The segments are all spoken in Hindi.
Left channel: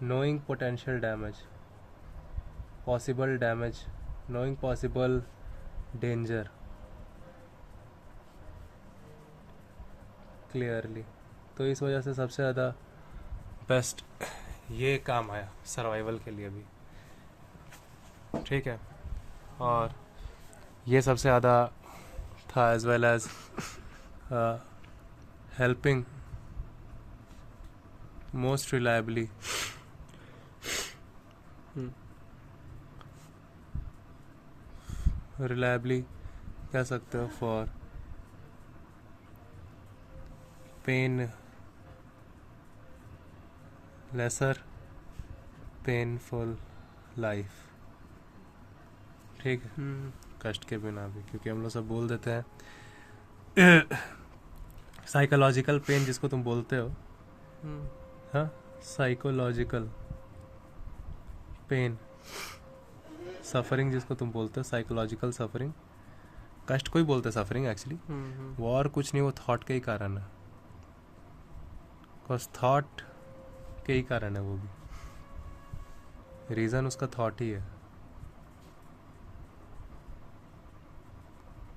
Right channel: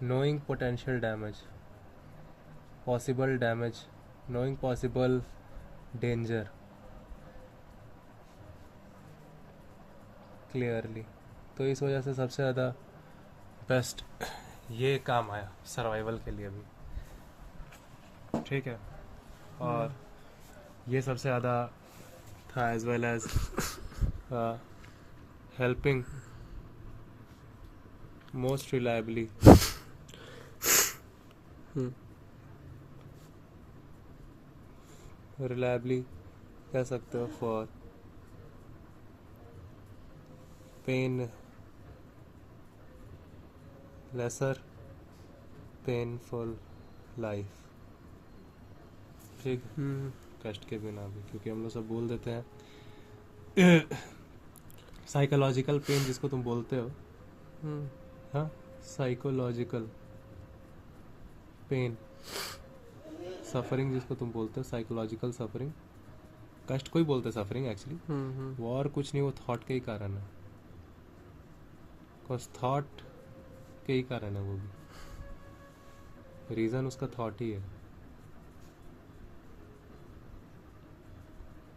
knowing potential damage, possible damage, knowing possible danger clearly. तो इस वजह से सबसे ज़्यादा बेस्ट ये काम आया सर्वाइवल के लिए भी, ठीक है. और ये सबसे ज़्यादा था as well as helping most reliably. Reliably कह सकते हो for pain lesser painful life, ठीक है. कष्ट के बिना भी, क्योंकि हम लोग सब बोल देते हैं साइकोलॉजिकल पेन जिसको तुम बोलते हो, हाँ, साइकोलॉजिकल पेन, सफरिंग जिसको तुम बोलते हो, साइकोलॉजिकल सफरिंग. कष्ट को ही बोलते हैं सफरिंग एक्चुअली. वो और कुछ नहीं, वो थॉट के ही कारण है. बिकॉज थॉट के ही कारण है, वो भी रीजन उसका थॉट ही है.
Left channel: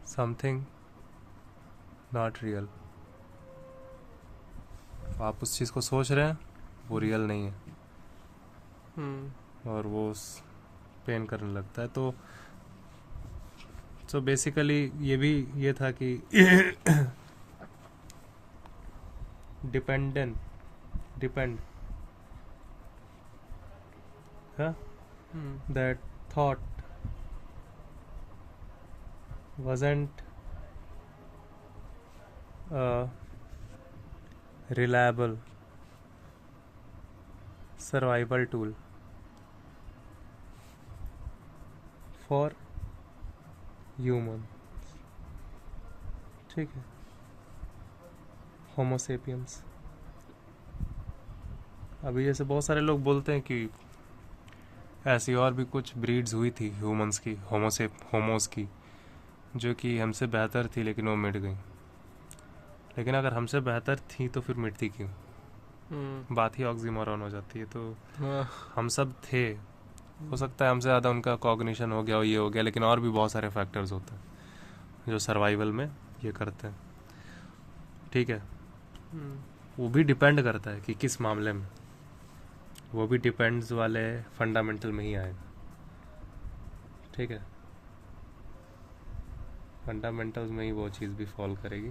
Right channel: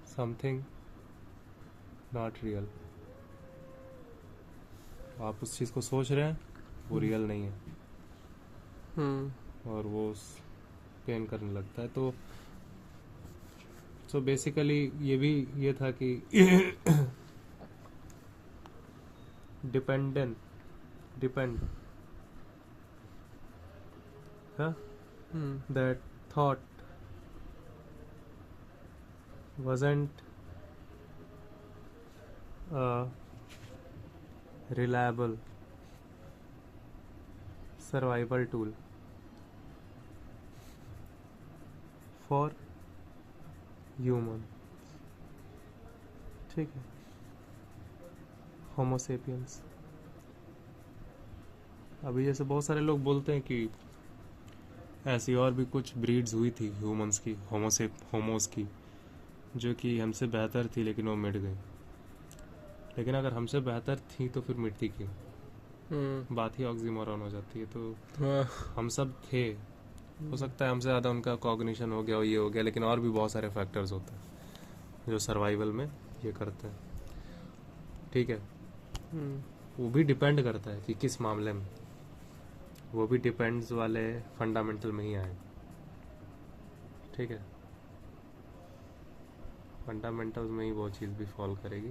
Something not real. आप उस चीज़ को सोच रहे हैं, वो रियल नहीं है, और वो उस पेन करने लगता है. तो बेसिकली ये भी ये था कि depend that thought wasn't reliable survival tool for human, ठीक है, होमो सेपियंस. अभी जैसे बहुत सारे लोग बोलते हैं कि ऐसी और भी कुछ ब्रीड्स हुई थी ह्यूमंस की, होमोस की, जो कि हमसे बेहतर थी लेकिन वो मिट गई. लेकिन अगर हमसे बेहतर थी तो फिर मिटती क्यों? बात ही ऑक्सीमोरॉन हो जाती है. तो हम सब थे, हो सकता है हमसे ज़्यादा उनका कॉग्निशन हो गया, ये हो गया, लेकिन और भी बहुत सारे फैक्टर्स होते हैं जो सर्वाइवल में ये करते हैं, ठीक है. वो भी डिपेंड करता है कि किस मामले में, वो भी डिपेंड्स वाले फंडामेंटल में ही आएगा, ठीक है. फंडामेंटल्स में ही वो चीज़ भी फॉल करेगी,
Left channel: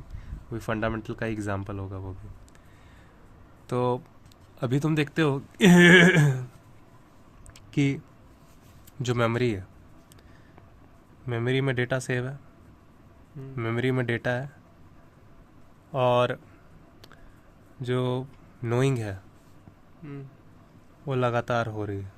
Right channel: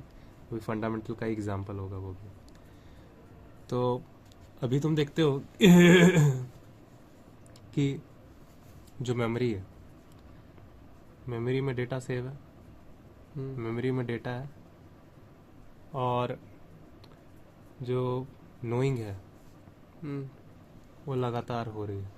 वो फंडामेंटल का एग्जाम्पल होगा वो भी. तो अभी तुम देखते हो कि जो मेमोरी है, मेमोरी में डेटा सेव है, मेमोरी में डेटा है, और जो नोइंग है वो लगातार हो रही है.